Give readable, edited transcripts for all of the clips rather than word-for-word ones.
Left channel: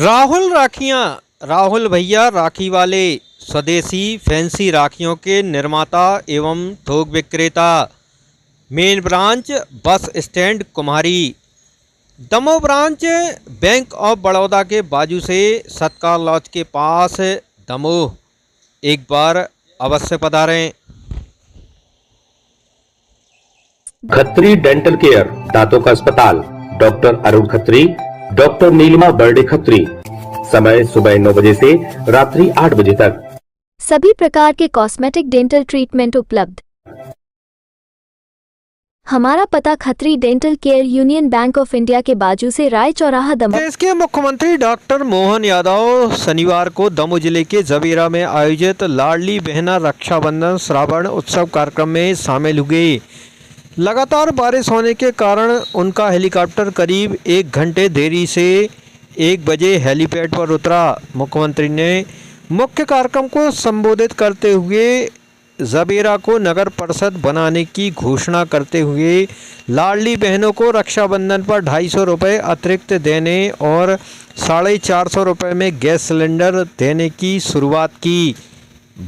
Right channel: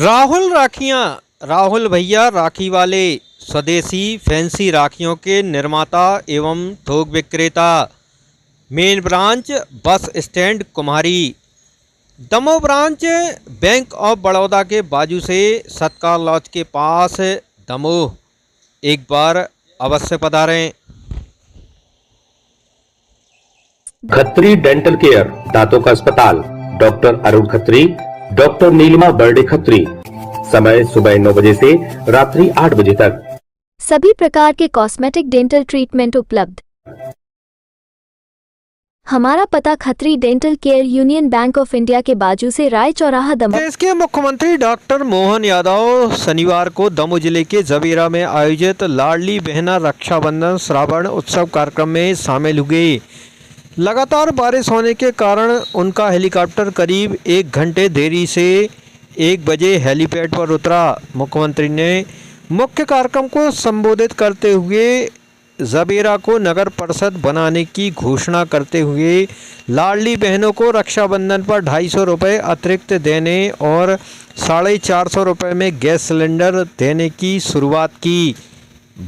राहुल राखियां। राहुल भैया राखी वाले स्वदेशी फैंसी राखियों के निर्माता एवं थोक विक्रेता। Main branch bus stand Kumhari. Damoh branch bank of Baroda के बाजू से सत्कार लॉज के पास दमोह। एक बार अवश्य पधारें। खत्री डेंटल केयर, दांतों का अस्पताल, डॉक्टर अरुण खत्री, डॉक्टर नीलिमा बर्डे खत्री। समय सुबह 9 बजे से रात्रि 8 बजे तक। सभी प्रकार के कॉस्मेटिक डेंटल ट्रीटमेंट उपलब्ध। हमारा पता Khatri dental care, union bank of India के बाजू से, राय चौराहा, दमोह। देश के मुख्यमंत्री डॉक्टर मोहन यादव शनिवार को दमोह जिले के जबेरा में आयोजित लाडली बहना रक्षाबंधन श्रावण उत्सव कार्यक्रम में शामिल हुए। लगातार बारिश होने के कारण उनका हेलीकॉप्टर करीब 1 घंटे देरी से 1 बजे हेलीपैड पर उतरा। मुख्यमंत्री ने मुख्य कार्यक्रम को संबोधित करते हुए जबेरा को नगर परिषद बनाने की घोषणा करते हुए लाडली बहनों को रक्षाबंधन पर 250 रुपये अतिरिक्त देने और 450 रुपये में गैस सिलेंडर देने की शुरुआत की।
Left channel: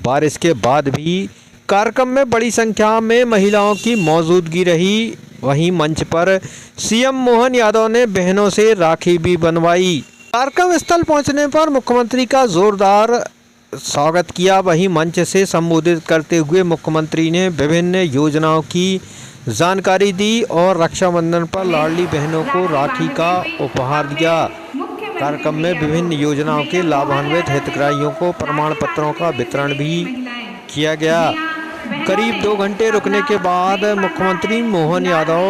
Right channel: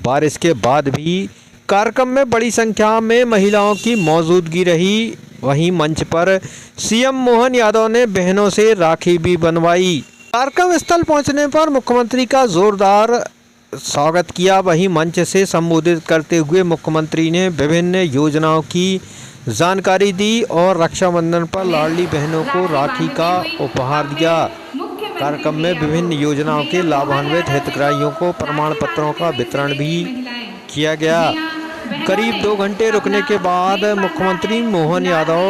बारिश के बाद भी कार्यक्रम में बड़ी संख्या में महिलाओं की मौजूदगी रही। वहीं मंच पर सीएम मोहन यादव ने बहनों से राखी भी बनवाई। कार्यक्रम स्थल पहुंचने पर मुख्यमंत्री का जोरदार स्वागत किया। वहीं मंच से संबोधित करते हुए मुख्यमंत्री ने विभिन्न योजनाओं की जानकारी दी और रक्षाबंधन पर लाडली बहनों को राखी का उपहार दिया। कार्यक्रम में विभिन्न योजनाओं के लाभान्वित हितग्राहियों को प्रमाण पत्रों का वितरण भी किया गया। करीब 2 घंटे रुकने के बाद मुख्यमंत्री मोहन यादव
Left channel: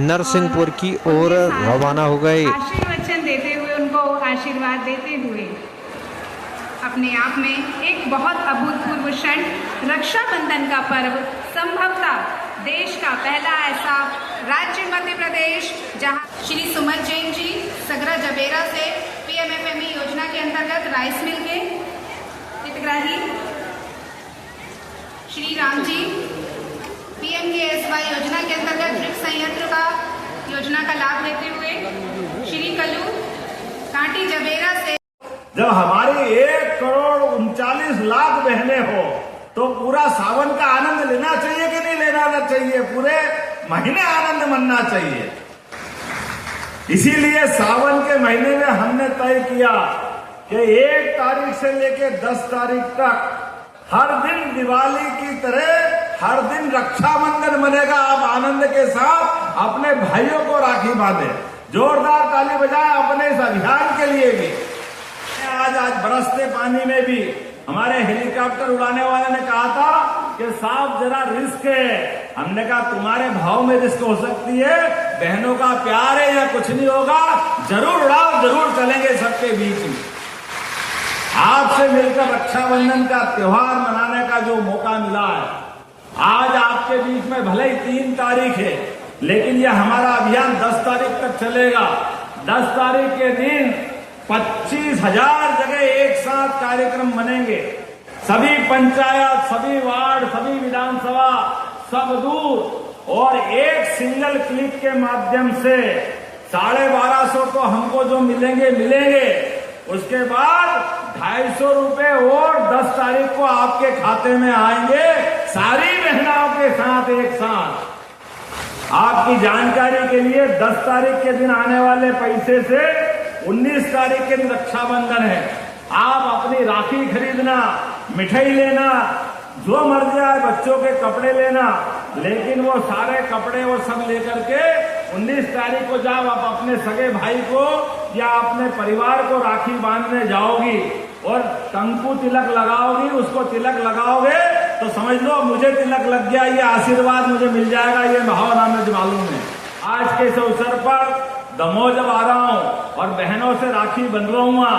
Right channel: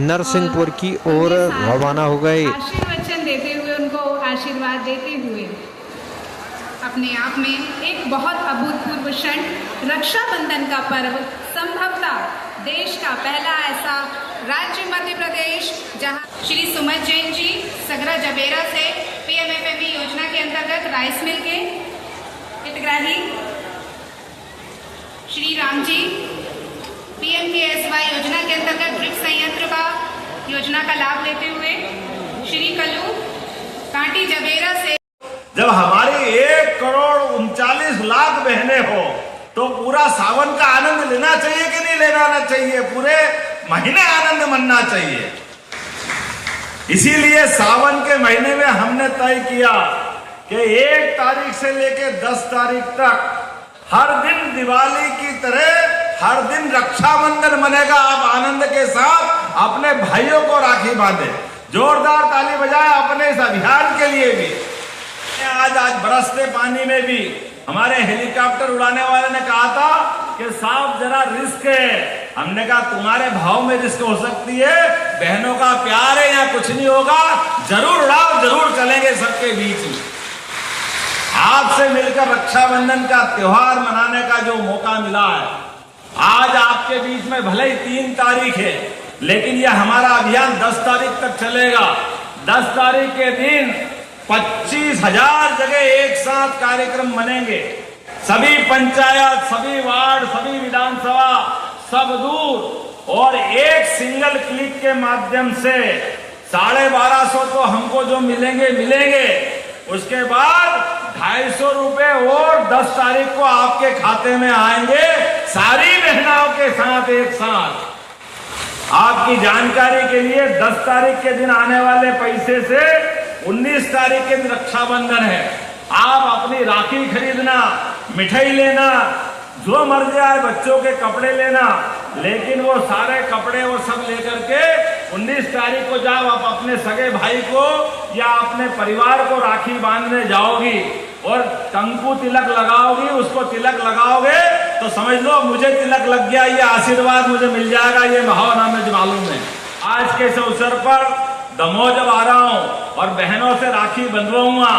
नरसिंहपुर की ओर रवाना हो गए। आशीर्वचन देते हुए, उनको आशीर्वाद देते हुए अपने आप में एक बहुत अभूतपूर्व क्षण, रक्षाबंधन का पर्व, संभवतः देश का पहला ऐसा राज्य मध्य प्रदेश जहां श्री सुमन जैन जी सगरा जबेरा से पीएमएफएमई योजना के अंतर्गत राइस मिल के हितग्राही, श्री राम जी पीएमकेएसवाई योजना के अंतर्गत ड्रिप संयंत्र का योजना का लाभ लेते हुए, श्री कल्लू कांटी जबेरा से। जब हमारी 1,39,00,000 बहनें हो तो पूरा सावन का आनंद लेना चाहिए कि नहीं लेना चाहिए? पूरे महीने आनंद मनना चाहिए। इसीलिए सावन के महीने में हमने तय किया कि 1 तारीख से लेकर 10 तारीख तक हर दिन दिवाली की तरह हर दिन रक्षाबंधन बनेगा। आप आनंद के साथ अपने भाइयों को राखी बांधे। जोरदार ताली बजाए अपने इस अभियान के लिए भी। आज बरसते पानी में भी हमारे हेलीकॉप्टर उड़ाने वाले ने कहा था कि साहब जरा रिस्क है। हमने कहा तुम्हारे भाव में रिस्क हो सकती है, बहनों का प्यार है या कुछ नहीं होगा, जरूर उड़ाओ, जरूर चलेंगे सबके बीच में। आपसे मिलकर रक्षाबंधन का त्योहार मनाने का जो मौका मिला है, आज आपके बीच में भले ही 3 तारीख है, लेकिन यह हमारा अभियान 10 तारीख तक चलेगा। 10 तारीख के दिन 25,000 जगह एक साथ कार्यक्रम बनेंगे। सभी पंचायत, सभी वार्ड, सभी विधानसभा, सब दूर, और एक सिंगल क्लिक के माध्यम से 1250 को हमको जो मिलेंगे। उसके बाद 250 रुपए और 10 तारीख को आपके खाते में आएंगे, सारी बहनों के साथ एक साथ। आपकी जानकारी के लिए 10 तारीख के दिन आने वाले पैसे से 19 तारीख के दिन रक्षाबंधन है। आप अपनी राखी खरीदना, मिठाई लेना, जो मर्जी आए, बच्चों के कपड़े लेना, लेकिन वो सारे कपड़े वो सब लेकर के 19 तारीख को जब आप अपने सगे भाई को या अपने परिवार को राखी बांधने जाओगी और कंकु तिलक लगाओगी, उसको तिलक लगाओगे तो समझ लो मुझे तिलक लग गया, ये आशीर्वाद मुझे मिल जाएगा, ये भावना मुझे मालूम है। आज के इस अवसर पर दमोह जब आ रहा हूं और बहनों से राखी बंधवाऊंगा,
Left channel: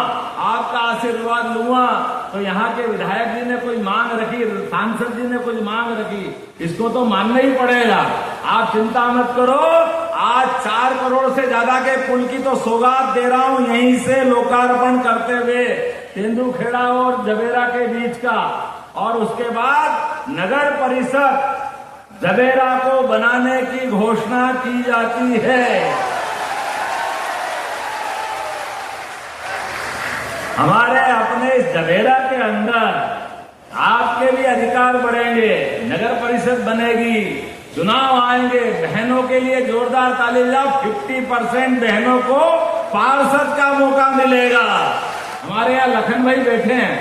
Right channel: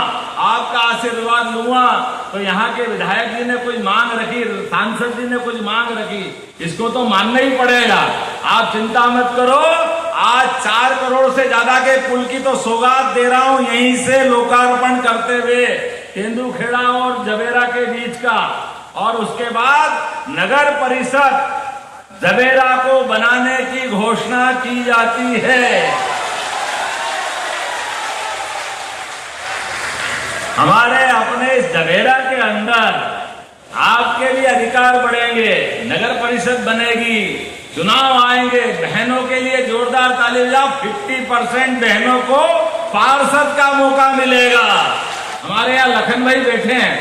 आपका आशीर्वाद लूंगा, तो यहाँ के विधायक जी ने कोई मांग रखी, सांसद जी ने कुछ मांग रखी, इसको तो मानना ही पड़ेगा। आप चिंता मत करो, आज 4 करोड़ से ज्यादा के पुल की तो सौगात दे रहा हूं, यहीं से लोकार्पण करते हुए तेंदुखेड़ा और जबेरा के बीच का, और उसके बाद नगर परिषद जबेरा को बनाने की घोषणा की जाती है। हमारे अपने इस जवेरा के अंदर आपके भी अधिकार बढ़ेंगे, नगर परिषद बनेगी, चुनाव आएंगे, बहनों के लिए जोरदार ताली बजाओ। 50% बहनों को पार्षद का मौका मिलेगा। हमारे यहाँ लखन भाई बैठे हैं,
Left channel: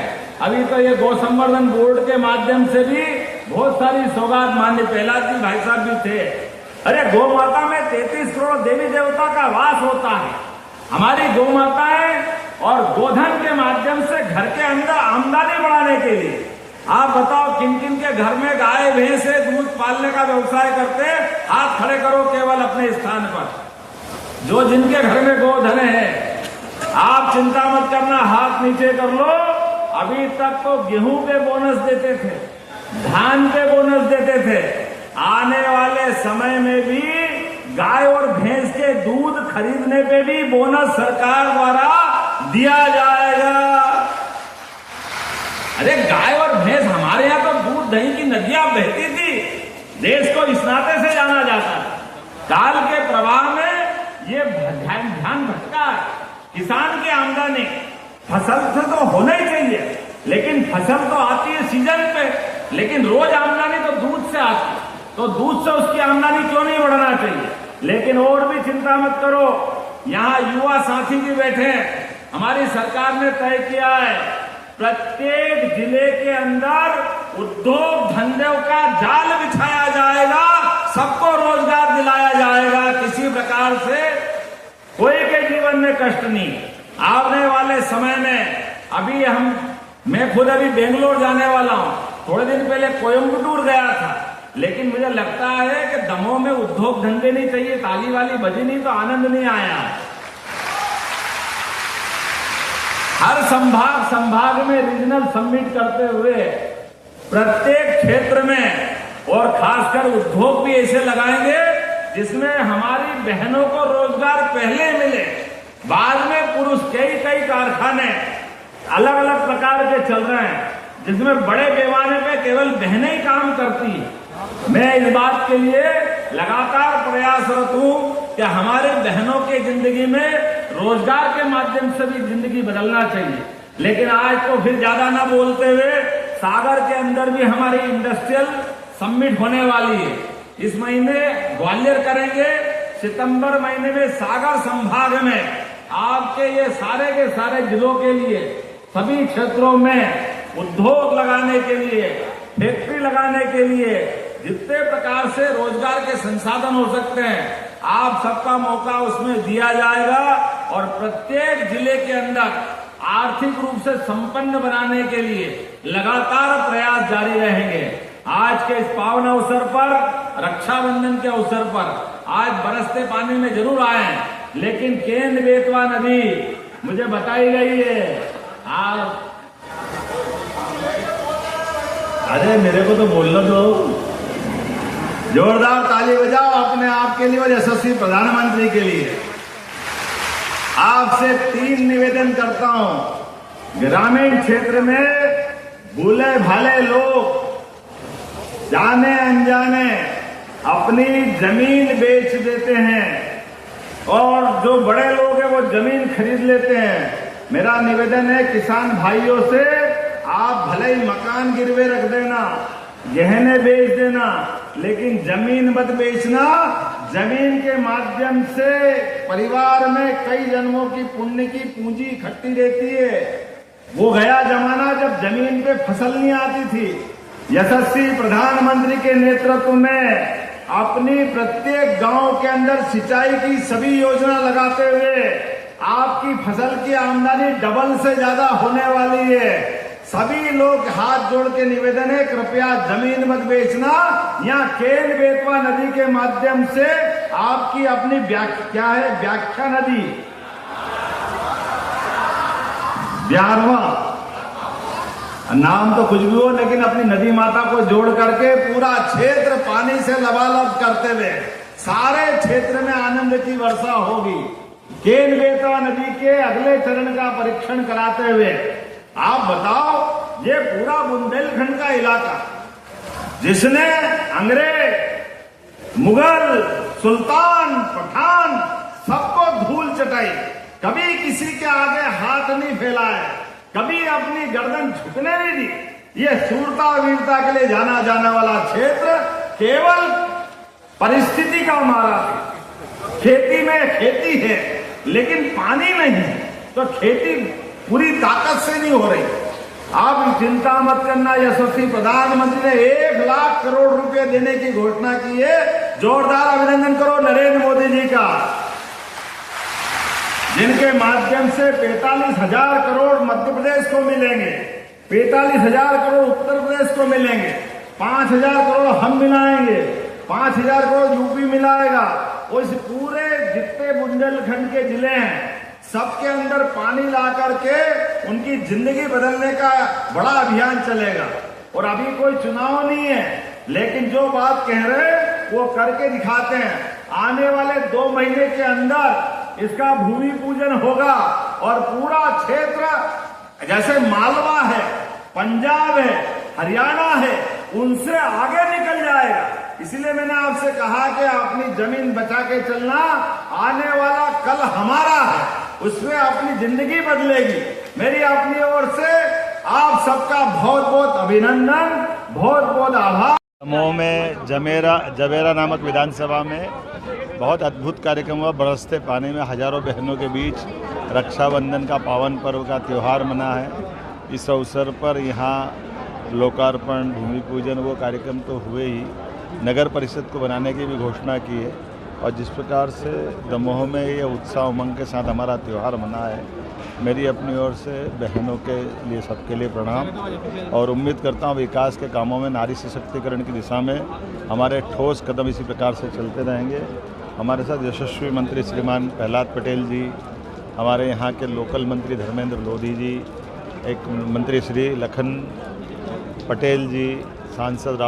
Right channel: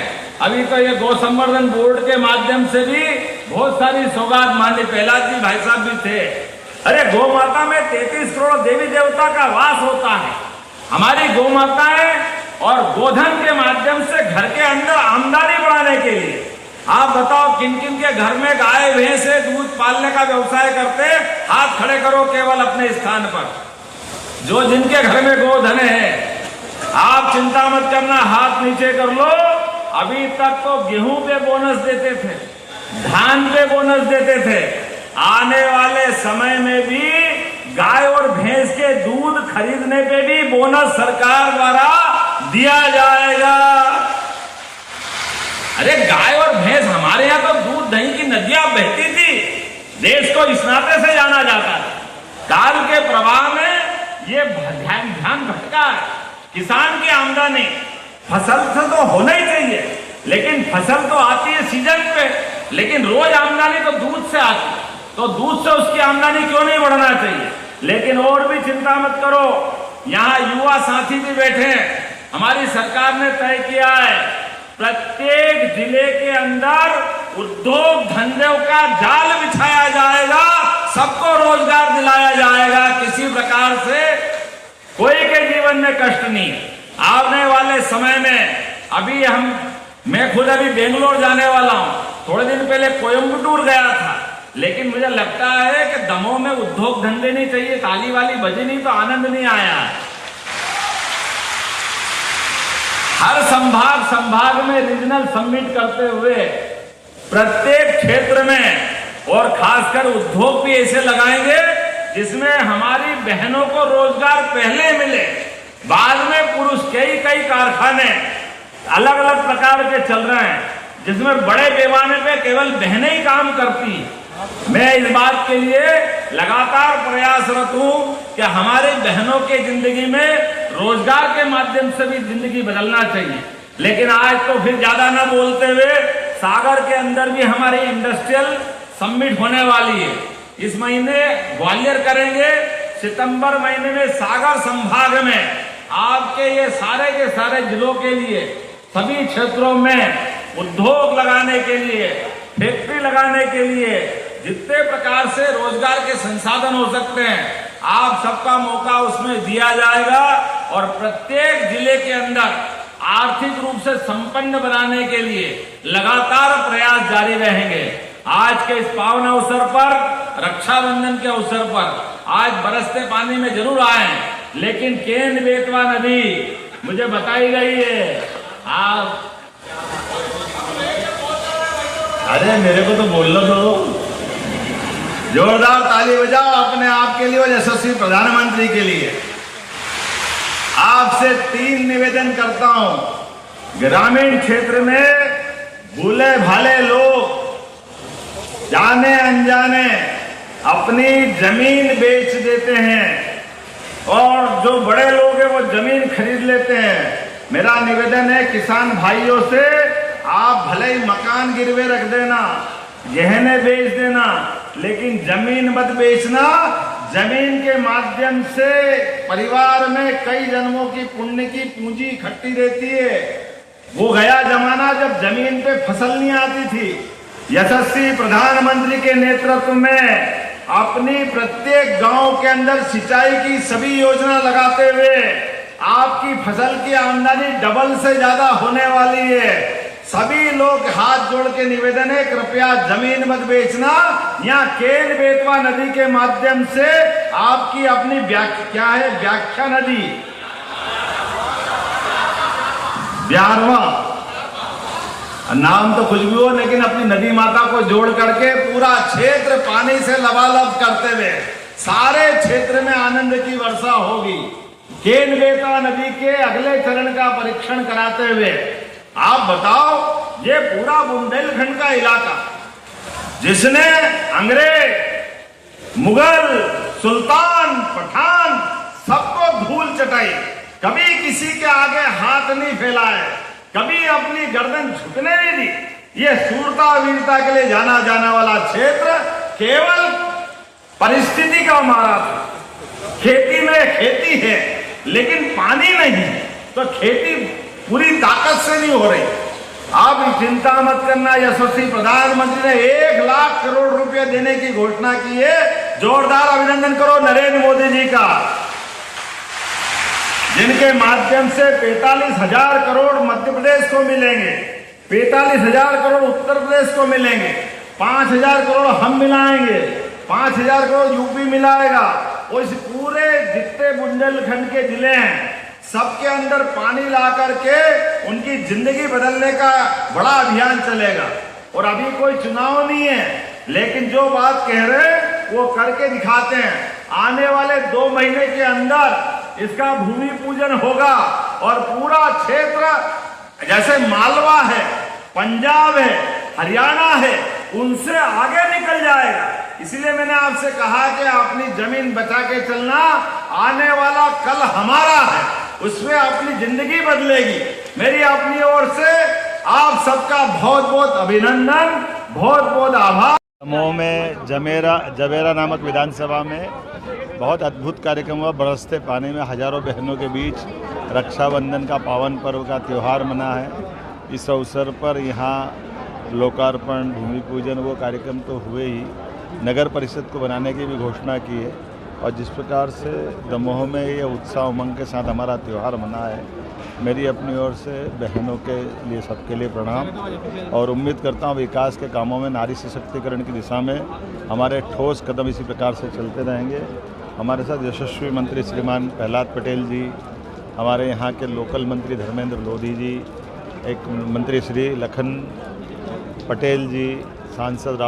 अभी तो ये गौ संवर्धन बोर्ड के माध्यम से भी बहुत सारी सौगात मानी। प्रहलाद जी भाई साहब भी थे। अरे गौ माता में 33 करोड़ देवी देवता का वास होता है। हमारी गौ माताएं और गोधन के माध्यम से घर के अंदर आमदनी बढ़ाने के लिए, आप बताओ किन किन के घर में गाय भैंस से दूध पालने का व्यवसाय करते, हाथ खड़े करो केवल अपने स्थान पर। जो जिनके घर में गोधन है, आप चिंता मत करना, हाथ नीचे कर लो। अभी तक तो गेहूं पे बोनस देते थे, धान पे बोनस देते थे। आने वाले समय में भी गाय और भैंस के दूध खरीदने पे भी बोनस सरकार द्वारा दिया जाएगा। अरे गाय और भैंस, हमारे यहाँ तो दूध दही की नदियां बहती थी, देश को इस नाते से जाना जाता था। काल के प्रवाह में ये ध्यान भटका। किसान की आमदनी, फसल से तो होना ही चाहिए, लेकिन फसल तो आती है सीजन पे, लेकिन रोज आमदनी तो दूध से आती है, तो दूध से उसकी आमदनी क्यों नहीं बढ़ना चाहिए। लेकिन और भी चिंता मत करो, यहाँ युवा साथी भी बैठे हैं। हमारी सरकार ने तय किया है प्रत्येक जिले के अंदर उद्योग धंधों का जाल बिछाया जाएगा, सबको रोजगार दिलाया जाएगा, किसी प्रकार से कोई के जीवन में कष्ट नहीं। आने वाले समय में मैं खुद अभी बेंगलोर जाने वाला हूं, थोड़े दिन पहले कोयम्बटूर गया था, लेकिन मुझे लगता है कि दमोह में उद्योग धंधे नहीं चाहिए, ताली वाली बजी नहीं तो आनंद नहीं आया। हर संभाग में रीजनल समिट करते हुए प्रत्येक क्षेत्र में और खासकर उद्योग भी ऐसे लगाएंगे जिसमें हमारी बहनों को रोजगार पहले मिले, बाद में पुरुष। कई कारखाने अलग अलग प्रकार के चल रहे हैं, जिसमें बड़े पैमाने पे केवल बहनें ही काम करती। मैं इस बात के लिए लगातार प्रयासरत हूं कि हमारी बहनों की जिंदगी में रोजगार के माध्यम से भी जिंदगी बदलना चाहिए। लेकिन आज तो फिर ज्यादा न बोलते हुए, सागर के अंदर भी हमारी इंडस्ट्रियल समिट होने वाली है। इस महीने ग्वालियर करेंगे, सितंबर महीने में सागर संभाग में आपके ये सारे के सारे जिलों के लिए सभी क्षेत्रों में उद्योग लगाने के लिए, फैक्ट्री लगाने के लिए जितने प्रकार से रोजगार के संसाधन हो सकते हैं, आप सबका मौका उसमें दिया जाएगा और प्रत्येक जिले के अंदर आर्थिक रूप से संपन्न बनाने के लिए लगातार प्रयास जारी रहेंगे। आज के इस पावन अवसर पर, रक्षाबंधन के अवसर पर, आज बरसते पानी में जरूर आए, लेकिन केन बेतवा नदी मुझे बताई गई है आज। अरे मेरे को तो बोल लो तो, जोरदार ताली बजाओ अपने आप के लिए और यशस्वी प्रधानमंत्री के लिए। आपसे 3 निवेदन करता हूं। ग्रामीण क्षेत्र में भूले भाले लोग जाने अनजाने अपनी जमीन बेच देते हैं और जो बड़े लोग हैं वो जमीन खरीद लेते हैं। मेरा निवेदन है किसान भाइयों से, आप भले ही मकान गिरवे रख देना, गहने बेच देना, लेकिन जमीन मत बेचना। जमीन के माध्यम से परिवार में कई जन्मों की पुण्य की पूंजी इकट्ठी रहती है। वो गया जमाना जब जमीन पे फसल नहीं आती थी। यशस्वी प्रधानमंत्री के नेतृत्व में अपनी प्रत्येक गांव के अंदर सिंचाई की सभी योजना लगाते हुए आपकी फसल की आमदनी डबल से ज्यादा होने वाली है। सभी लोग हाथ जोड़ के निवेदन है, कृपया जमीन मत बेचना। यहाँ केन बेतवा नदी के माध्यम से आपकी अपनी व्याख्या नदी, ब्यारवा नाम तो कुछ भी हो, लेकिन अपनी नदी माता को जोड़ करके पूरा क्षेत्र पानी से लबालब करते हुए सारे क्षेत्र में आनंद की वर्षा होगी। केन बेतवा नदी के अगले चरण का परीक्षण कराते हुए आप बताओ, ये पूरा बुंदेलखंड का इलाका जिसने अंग्रेज, मुगल, सुल्तान, पठान सबको धूल चटाई, कभी किसी के आगे हाथ नहीं फैलाए, कभी अपनी गर्दन झुकने नहीं दी। ये सूरता वीरता के लिए जाना जाने वाला क्षेत्र केवल परिस्थिति का मारा था। खेती में खेती है लेकिन पानी नहीं, तो खेती पूरी ताकत से नहीं हो रही। आप चिंता मत करना, यशस्वी प्रधानमंत्री ने 1 लाख करोड़ रुपए देने की घोषणा की है। जोरदार अभिनंदन करो नरेंद्र मोदी जी का, जिनके माध्यम से 45,000 करोड़ मध्य प्रदेश को मिलेंगे, 45,000 करोड़ उत्तर प्रदेश को मिलेंगे, 5,000 करोड़ हम मिलाएंगे, 5,000 करोड़ यूपी मिलाएगा। उस पूरे जितने बुंदेलखंड के जिले हैं सबके अंदर पानी ला करके उनकी जिंदगी बदलने का बड़ा अभियान चलेगा। और अभी कोई चुनाव नहीं है, लेकिन जो बात कह रहे हैं वो करके दिखाते हैं। आने वाले 2 महीने के अंदर इसका भूमि पूजन होगा और पूरा क्षेत्र जैसे मालवा है, पंजाब है, हरियाणा है, उनसे आगे निकल जाएगा। इसलिए मैंने आपसे कहा कि अपनी जमीन बचा के चलना, आने वाला कल हमारा है, उसमें अपनी जिंदगी बदलेगी। मेरी अपनी ओर से आप सबका बहुत बहुत अभिनंदन, बहुत बहुत आभार। दमोह में जबेरा नामक विधानसभा में बहुत अद्भुत कार्यक्रम हुआ। बरसते पानी में हजारों बहनों के बीच रक्षाबंधन का पावन पर्व का त्यौहार मना है। इस अवसर पर यहाँ लोकार्पण, भूमि पूजन, वो कार्यक्रम तो हुए ही, नगर परिषद को बनाने की भी घोषणा की है। और जिस प्रकार से दमोह में ये उत्साह उमंग के साथ हमारा त्यौहार मना है, मेरी अपनी ओर से बहनों के लिए, सबके लिए प्रणाम। और उम्मीद करता हूँ विकास के कामों में नारी सशक्तिकरण की दिशा में हमारे ठोस कदम इसी प्रकार से चलते रहेंगे। हमारे साथ यशस्वी मंत्री श्रीमान प्रहलाद पटेल जी, हमारे यहाँ के लोकल मंत्री धर्मेंद्र लोधी जी, एक मंत्री श्री लखन पटेल जी, सांसद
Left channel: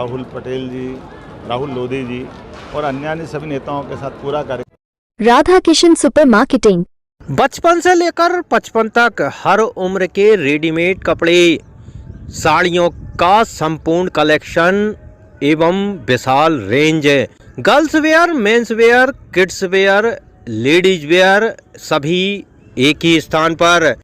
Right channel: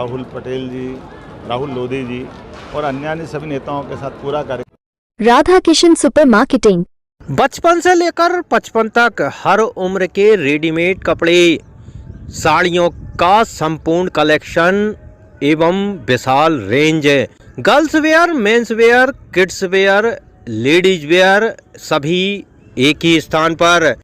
राहुल लोधी जी और अन्य सभी नेताओं के साथ पूरा कार्यक्रम। Radha Kishan super marketing. बचपन से लेकर 55 तक हर उम्र के रेडीमेड कपड़े, साड़ियों का संपूर्ण कलेक्शन एवं विशाल range, girls wear, men's wear, kids wear, ladies wear, सभी एक ही स्थान पर।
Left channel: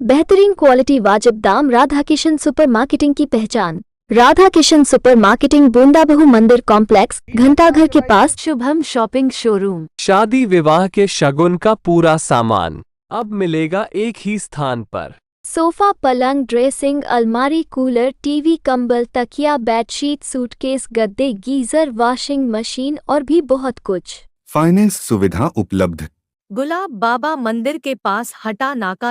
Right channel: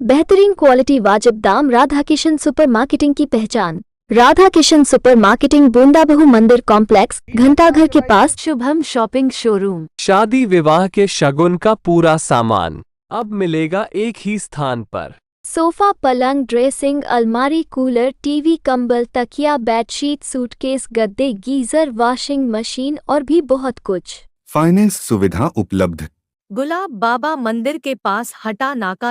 बेहतरीन क्वालिटी, वाजिब दाम। राधा किशन सुपर मार्केटिंग की पहचान। राधा किशन सुपर मार्केटिंग, बूंदाबहू मंदिर कॉम्प्लेक्स, घंटाघर के पास, शुभम शॉपिंग शोरूम। शादी विवाह के शगुन का पूरा सामान अब मिलेगा एक ही स्थान पर। सोफा, पलंग, ड्रेसिंग, अलमारी, कूलर, टीवी, कंबल, तकिया, बेडशीट, सूटकेस, गद्दे, गीजर, वॉशिंग मशीन और भी बहुत कुछ। फाइनेंस सुविधा उपलब्ध। गुलाब बाबा मंदिर के पास, हटा नाका।